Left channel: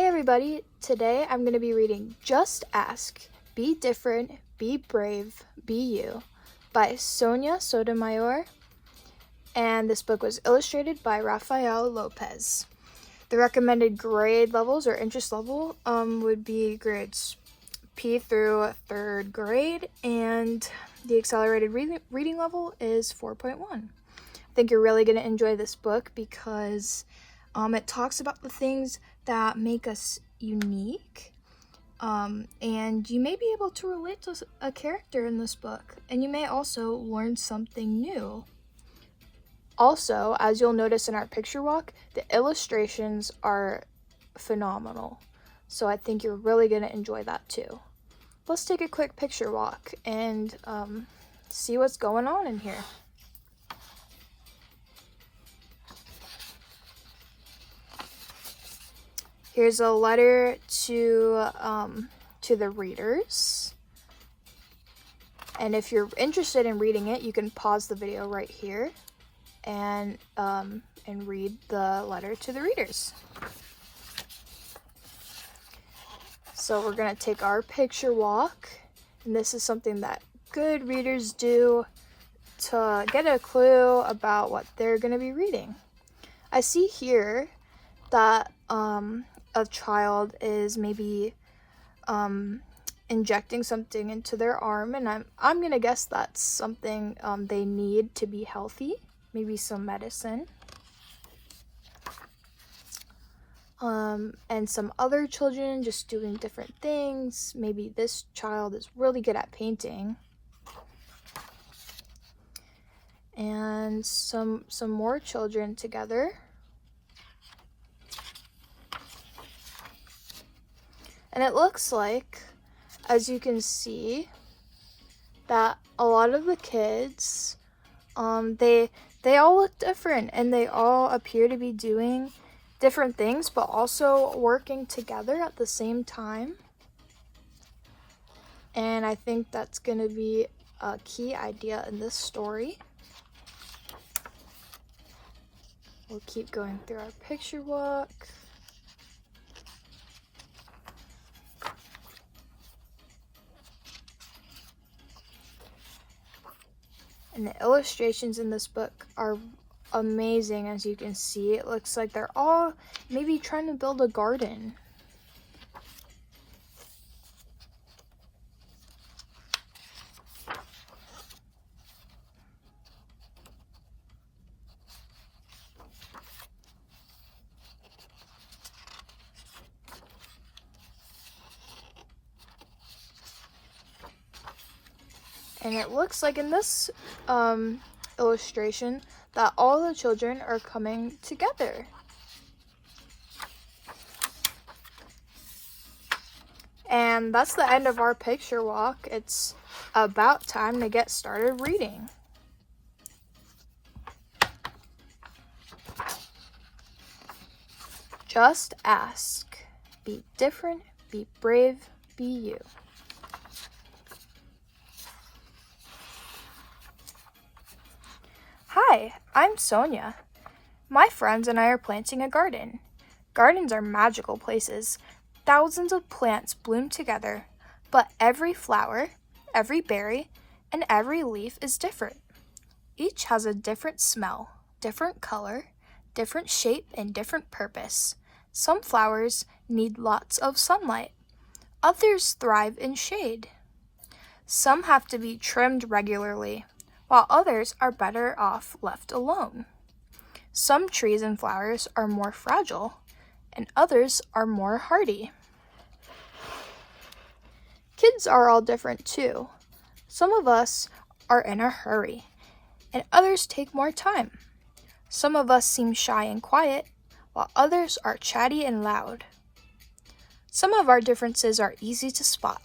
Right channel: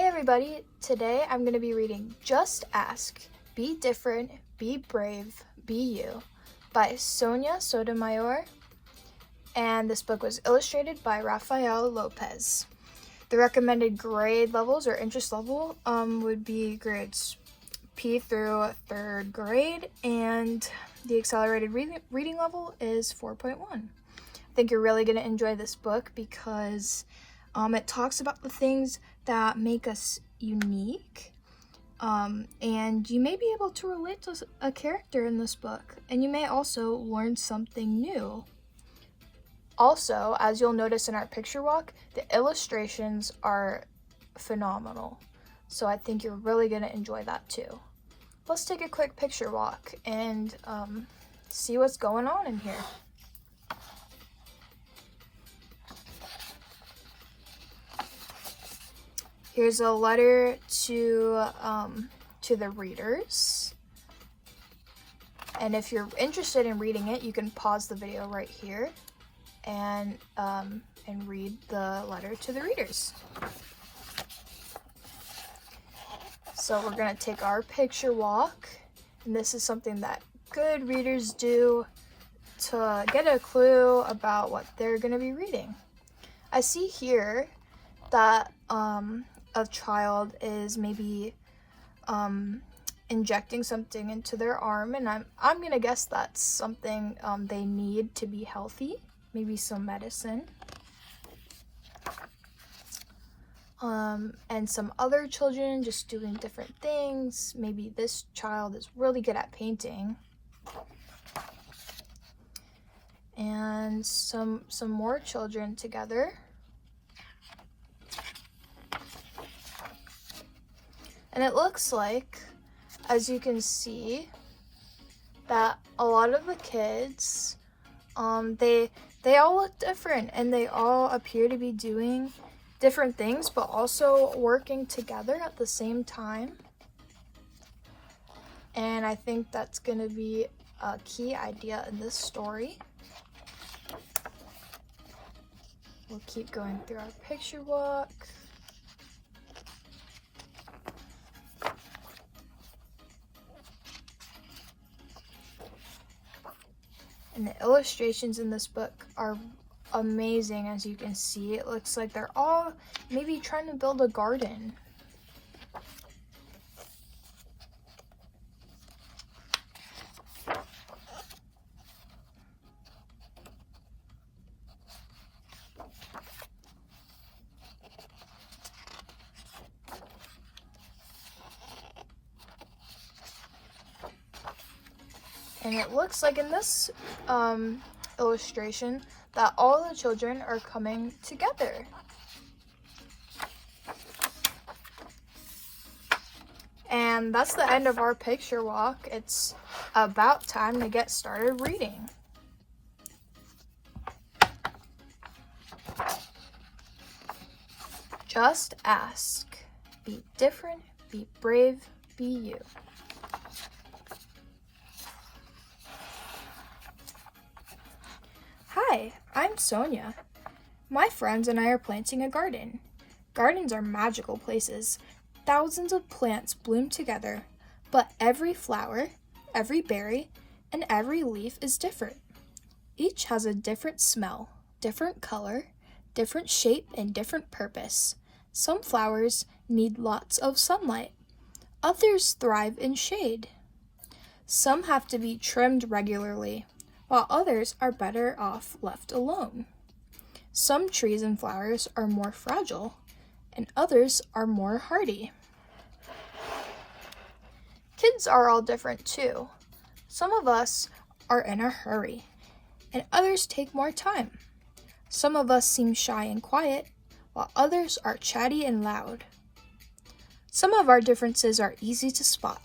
Hey everybody, today I'm going to be reading Just Ask, Be Different, Be Brave, Be You by Sonia Sotomayor, and this book was illustrated by Rafael Lopez. The recommended grade levels or interest level would be grades P through 3rd grade, and the accelerated reading level is 4.1. I think you're really going to enjoy this book because it talks about the things that make us unique, and you may be able to relate to a character in this book, and you may also learn something new. Also, as you'll notice in our picture walk, the illustrations are phenomenal, so I think you're really going to enjoy that too. Let's take a quick picture walk and see what's going on in here. Here's a letter to the readers, and if you're interested in reading it, you can pause the video right here and read the letter to the readers. So we're gonna take our picture walk, and this is something that good readers do to get a clue about what they're gonna be reading. I see here that a child is maybe injecting something into their arm, and I'm gonna guess that's something they need to be healthy, maybe some medicine. And some other children just doing different things. Maybe this child is really good at painting. And some more children together. And it looks like, as you can see, that a lot of the kids, they all look different, and they all appear to be doing different things, but also working together at the same time. And I think that's going to be a key idea in this story. We'll keep going through our picture walk. And the illustrations in this book are amazing, as you can see. It looks like they're all maybe trying to build a garden. And it looks like in this illustration that all the children are coming together. And that's the end of our picture walk. It's about time to get started reading. Just ask. Be different, be brave, be you. Hi, I'm Sonia. My friends and I are planting a garden. Gardens are magical places. Thousands of plants bloom together, but every flower, every berry, and every leaf is different. Each has a different smell, different color, different shape, and different purpose. Some flowers need lots of sunlight. Others thrive in shade. Some have to be trimmed regularly, while others are better off left alone. Some trees and flowers are more fragile, and others are more hardy. Kids are all different too. Some of us are in a hurry, and others take more time. Some of us seem shy and quiet, while others are chatty and loud. Some of our differences are easy to spot.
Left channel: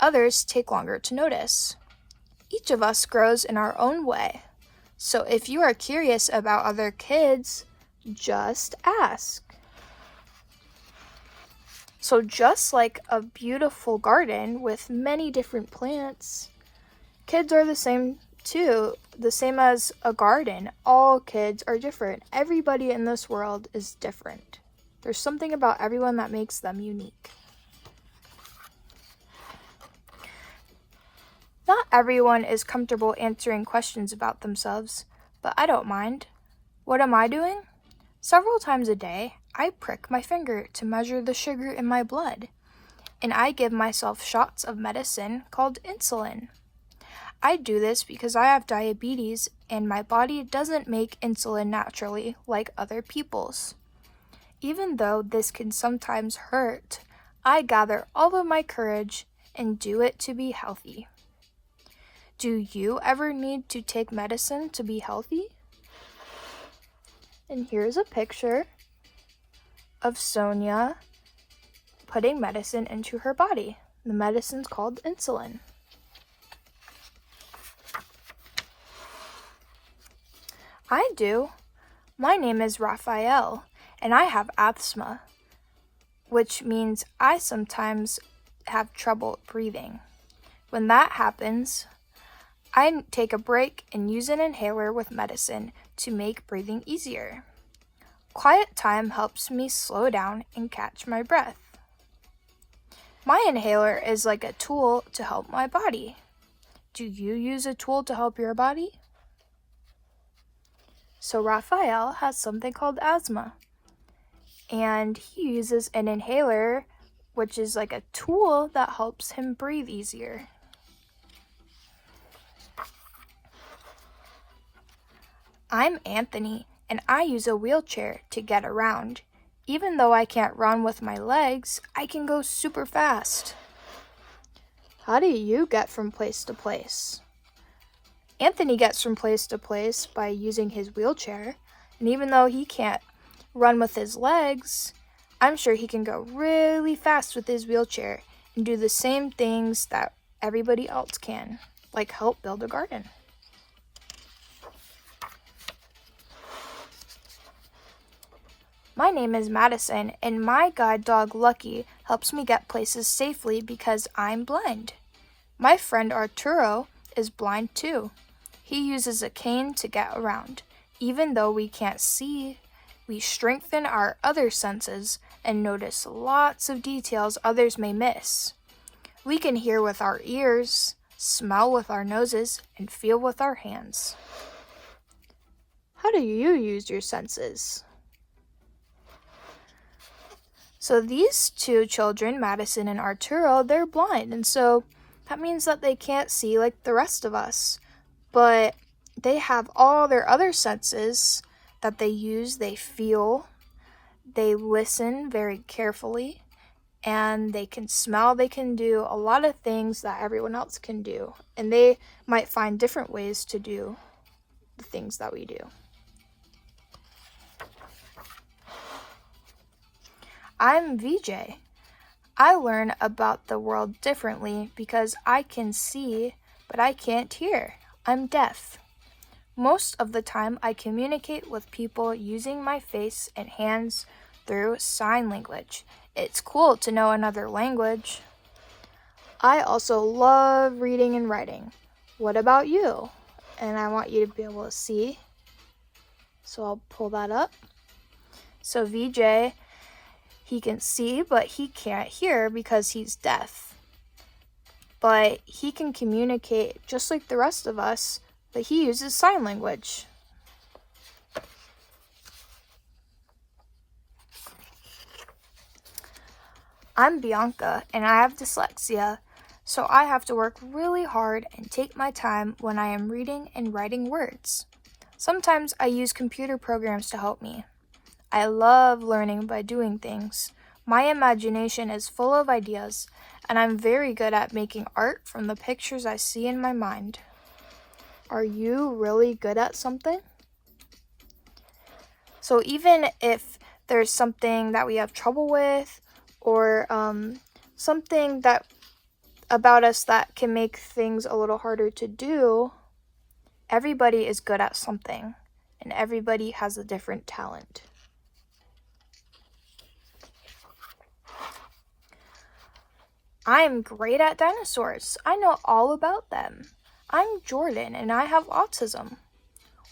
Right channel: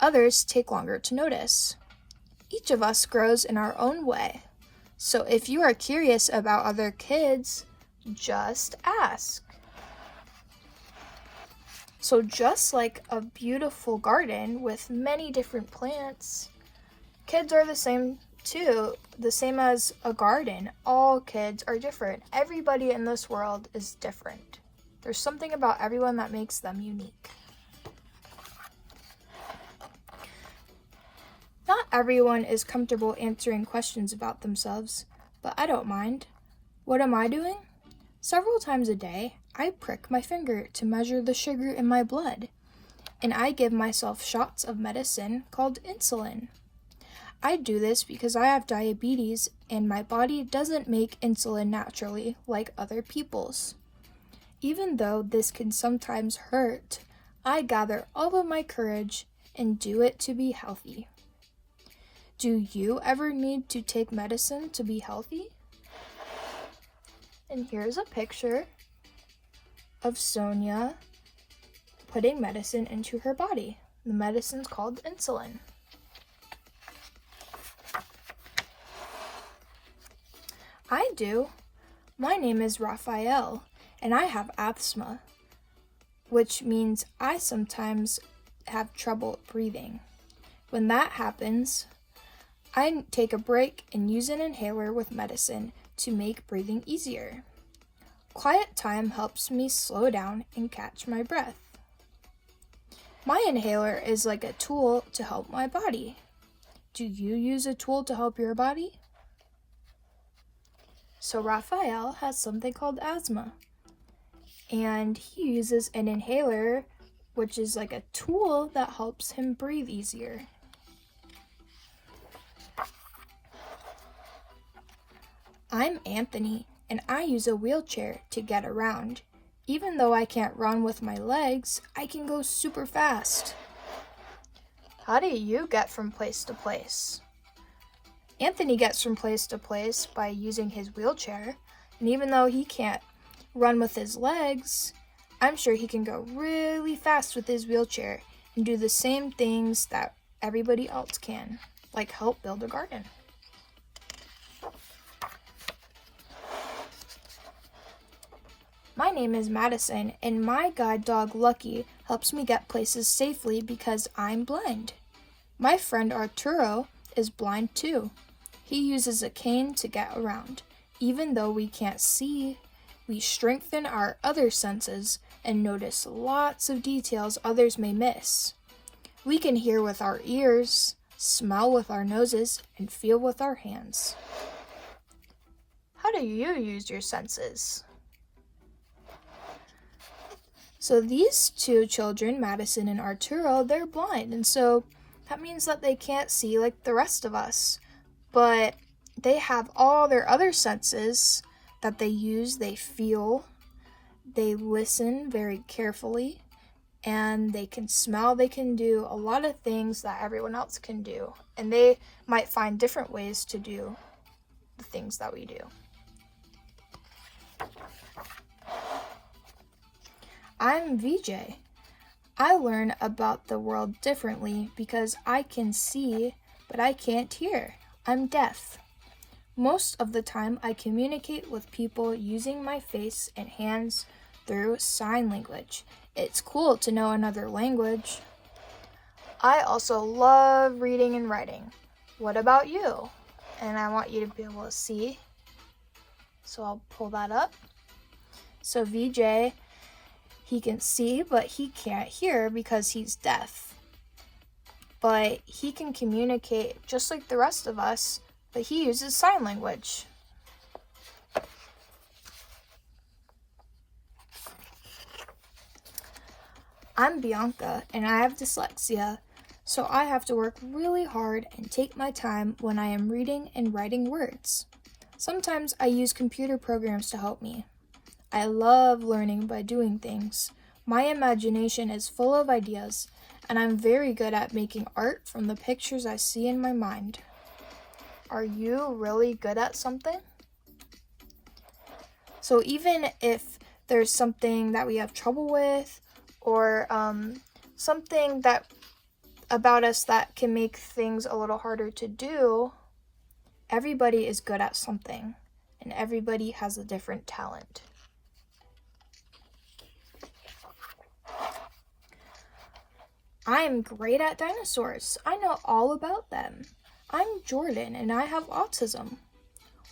Others take longer to notice. Each of us grows in our own way. So if you are curious about other kids, just ask. So just like a beautiful garden with many different plants, kids are the same too. The same as a garden. All kids are different. Everybody in this world is different. There's something about everyone that makes them unique. Not everyone is comfortable answering questions about themselves, but I don't mind. What am I doing? Several times a day, I prick my finger to measure the sugar in my blood, and I give myself shots of medicine called insulin. I do this because I have diabetes and my body doesn't make insulin naturally like other people's. Even though this can sometimes hurt, I gather all of my courage and do it to be healthy. Do you ever need to take medicine to be healthy? And here's a picture of Sonia putting medicine into her body. The medicine's called insulin. I do. My name is Raphael, and I have asthma, which means I sometimes have trouble breathing. When that happens, I take a break and use an inhaler with medicine to make breathing easier. Quiet time helps me slow down and catch my breath. My inhaler is like a tool to help my body. Do you use a tool to help your body? So Raphael has something called asthma, and he uses an inhaler, which is like a tool that helps him breathe easier. I'm Anthony, and I use a wheelchair to get around. Even though I can't run with my legs, I can go super fast. How do you get from place to place? Anthony gets from place to place by using his wheelchair, and even though he can't run with his legs, I'm sure he can go really fast with his wheelchair and do the same things that everybody else can, like help build a garden. My name is Madison, and my guide dog Lucky helps me get places safely because I'm blind. My friend Arturo is blind too. He uses a cane to get around. Even though we can't see, we strengthen our other senses and notice lots of details others may miss. We can hear with our ears, smell with our noses, and feel with our hands. How do you use your senses? So these two children, Madison and Arturo, they're blind, and so that means that they can't see like the rest of us. But they have all their other senses that they use. They feel, they listen very carefully, and they can smell. They can do a lot of things that everyone else can do, and they might find different ways to do the things that we do. I'm VJ. I learn about the world differently because I can see, but I can't hear. I'm deaf. Most of the time, I communicate with people using my face and hands through sign language. It's cool to know another language. I also love reading and writing. What about you? And I want you to be able to see. So I'll pull that up. So VJ, he can see, but he can't hear because he's deaf. But he can communicate just like the rest of us, but he uses sign language. I'm Bianca, and I have dyslexia, so I have to work really hard and take my time when I am reading and writing words. Sometimes I use computer programs to help me. I love learning by doing things. My imagination is full of ideas, and I'm very good at making art from the pictures I see in my mind. Are you really good at something? So even if there's something that we have trouble with, or something that about us that can make things a little harder to do, everybody is good at something, and everybody has a different talent. I am great at dinosaurs. I know all about them. I'm Jordan, and I have autism.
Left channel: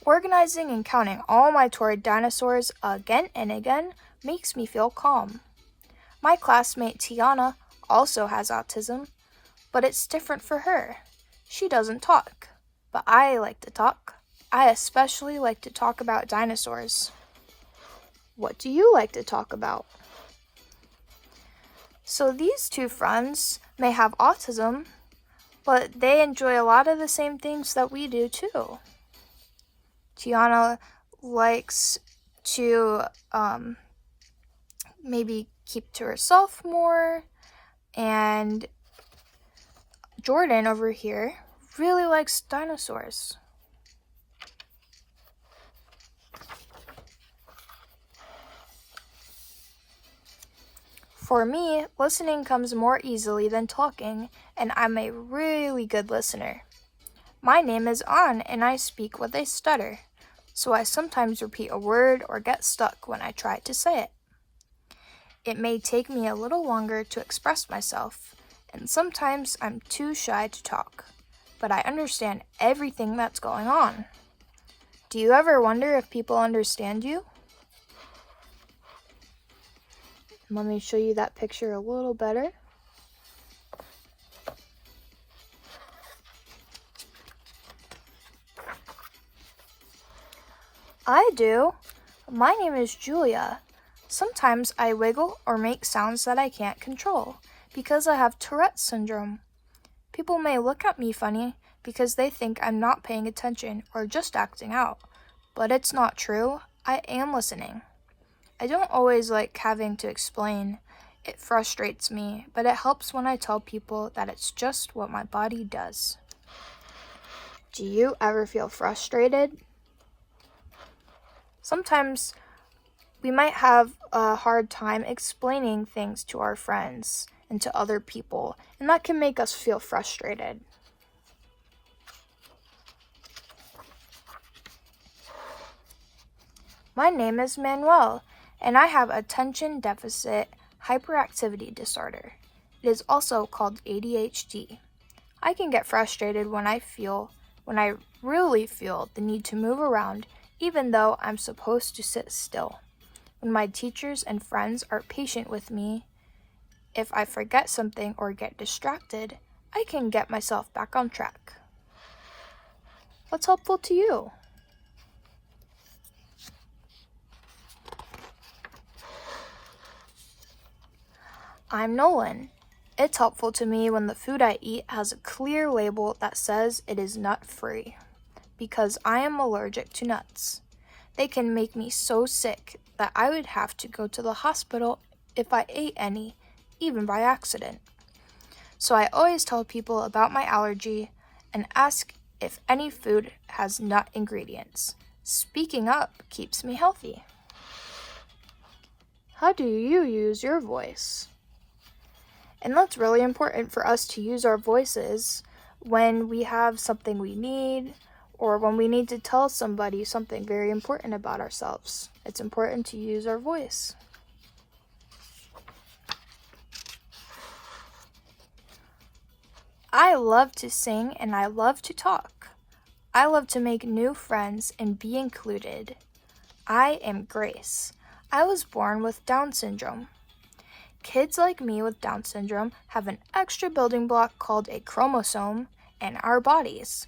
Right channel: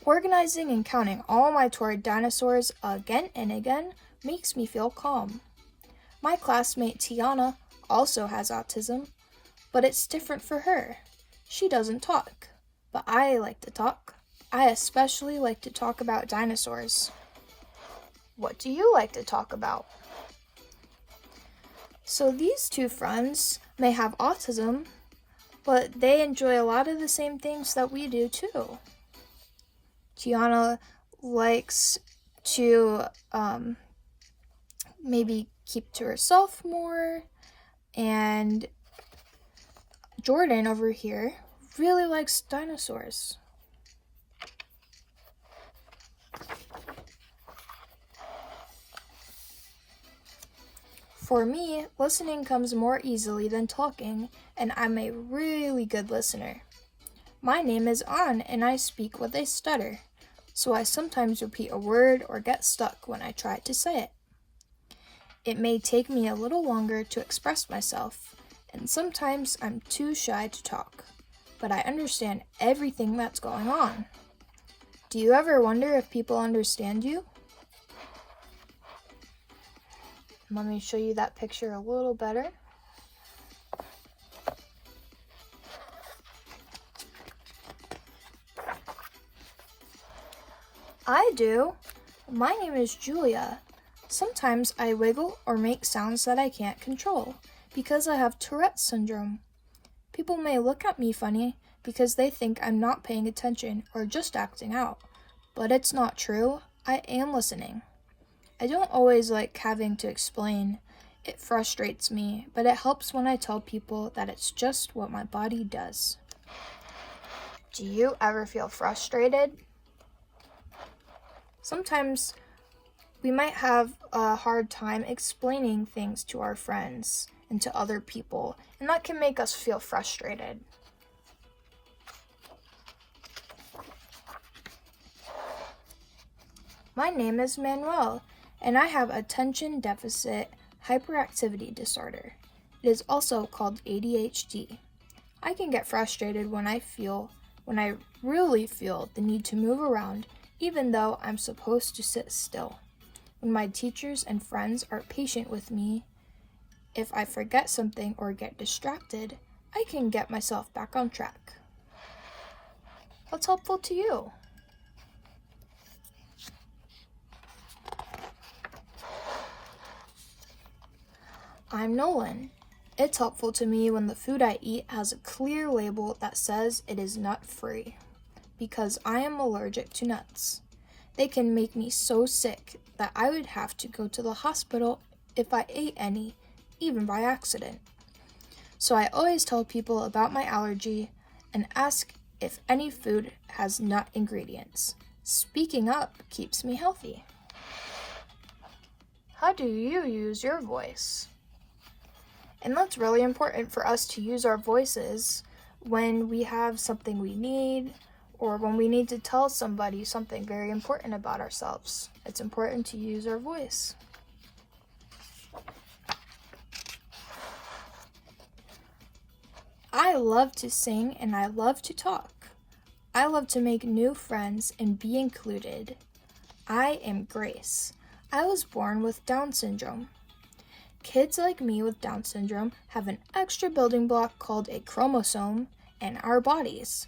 Organizing and counting all my toy dinosaurs again and again makes me feel calm. My classmate Tiana also has autism, but it's different for her. She doesn't talk, but I like to talk. I especially like to talk about dinosaurs. What do you like to talk about? So these two friends may have autism, but they enjoy a lot of the same things that we do too. Tiana likes to maybe keep to herself more, and Jordan over here really likes dinosaurs. For me, listening comes more easily than talking, and I'm a really good listener. My name is An, and I speak with a stutter, so I sometimes repeat a word or get stuck when I try to say it. It may take me a little longer to express myself, and sometimes I'm too shy to talk, but I understand everything that's going on. Do you ever wonder if people understand you? Let me show you that picture a little better. I do. My name is Julia. Sometimes I wiggle or make sounds that I can't control because I have Tourette's syndrome. People may look at me funny because they think I'm not paying attention or just acting out, but it's not true. I am listening. I don't always like having to explain. It frustrates me, but it helps when I tell people that it's just what my body does. Do you ever feel frustrated? Sometimes we might have a hard time explaining things to our friends and to other people, and that can make us feel frustrated. My name is Manuel, and I have attention deficit hyperactivity disorder. It is also called ADHD. I can get frustrated when I really feel the need to move around, even though I'm supposed to sit still. When my teachers and friends are patient with me, if I forget something or get distracted, I can get myself back on track. What's helpful to you? I'm Nolan. It's helpful to me when the food I eat has a clear label that says it is nut-free, because I am allergic to nuts. They can make me so sick that I would have to go to the hospital if I ate any, even by accident. So I always tell people about my allergy and ask if any food has nut ingredients. Speaking up keeps me healthy. How do you use your voice? And that's really important for us to use our voices when we have something we need or when we need to tell somebody something very important about ourselves. It's important to use our voice. I love to sing and I love to talk. I love to make new friends and be included. I am Grace. I was born with Down syndrome. Kids like me with Down syndrome have an extra building block called a chromosome in our bodies.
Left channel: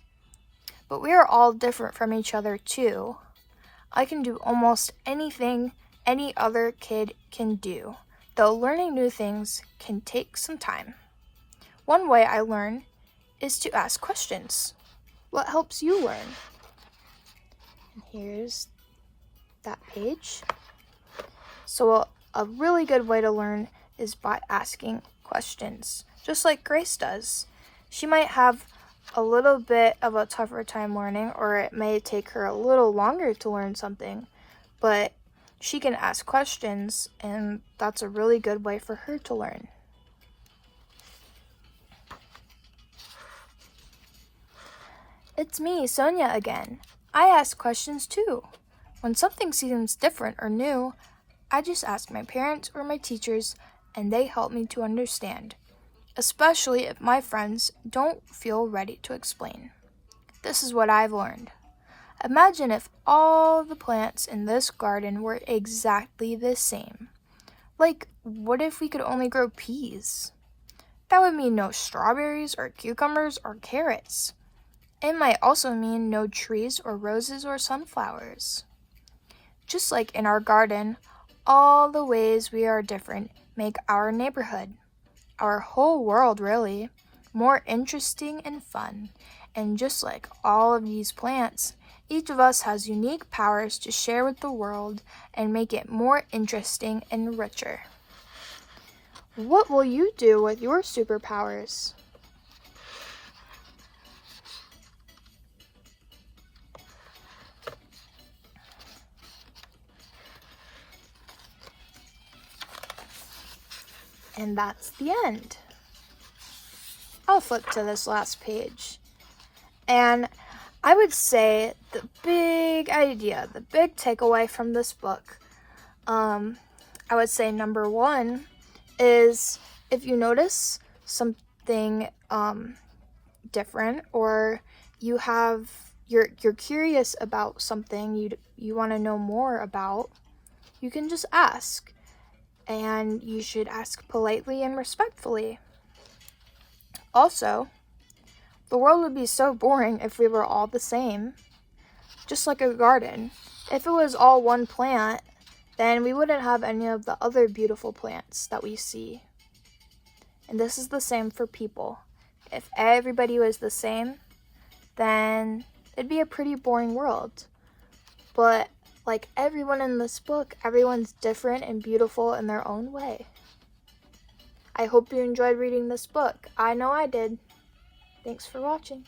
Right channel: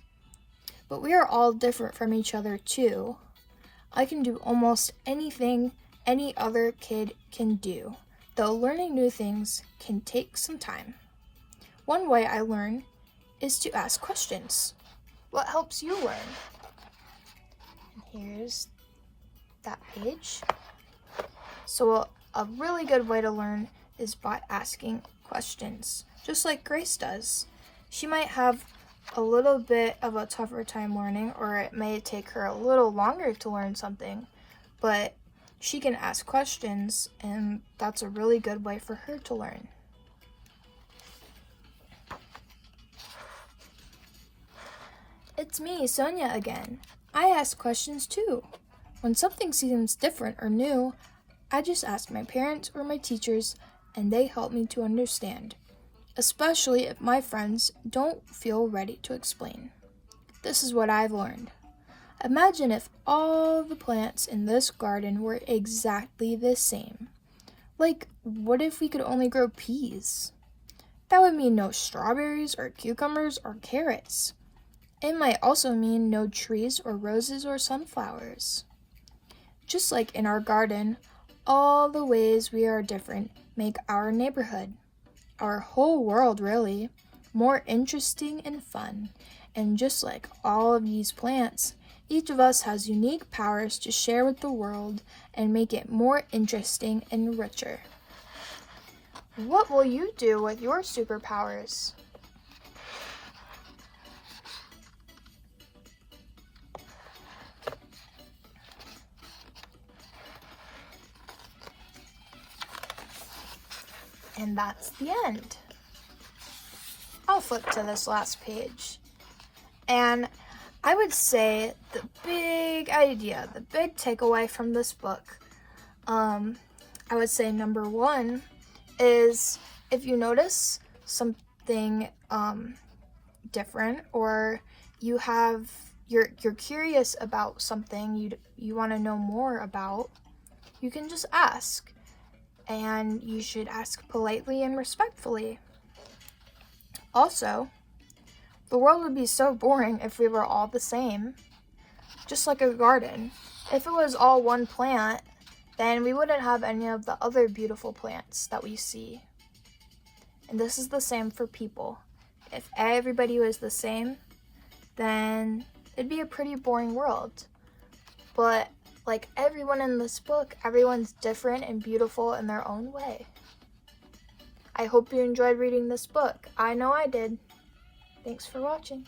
But we are all different from each other too. I can do almost anything any other kid can do, though learning new things can take some time. One way I learn is to ask questions. What helps you learn? Here's that page. So a really good way to learn is by asking questions, just like Grace does. She might have a little bit of a tougher time learning, or it may take her a little longer to learn something, but she can ask questions, and that's a really good way for her to learn. It's me, Sonia, again. I ask questions too. When something seems different or new, I just ask my parents or my teachers, and they help me to understand, especially if my friends don't feel ready to explain. This is what I've learned. Imagine if all the plants in this garden were exactly the same. Like, what if we could only grow peas? That would mean no strawberries or cucumbers or carrots. It might also mean no trees or roses or sunflowers. Just like in our garden, all the ways we are different make our neighborhood, our whole world really, more interesting and fun. And just like all of these plants, each of us has unique powers to share with the world and make it more interesting and richer. What will you do with your superpowers? And that's the end. I'll flip to this last page. And I would say the big idea, the big takeaway from this book, I would say number one is if you notice something different, or you're curious about something you want to know more about, you can just ask. And you should ask politely and respectfully. Also, the world would be so boring if we were all the same. Just like a garden. If it was all one plant, then we wouldn't have any of the other beautiful plants that we see. And this is the same for people. If everybody was the same, then it'd be a pretty boring world. But like everyone in this book, everyone's different and beautiful in their own way. I hope you enjoyed reading this book. I know I did. Thanks for watching.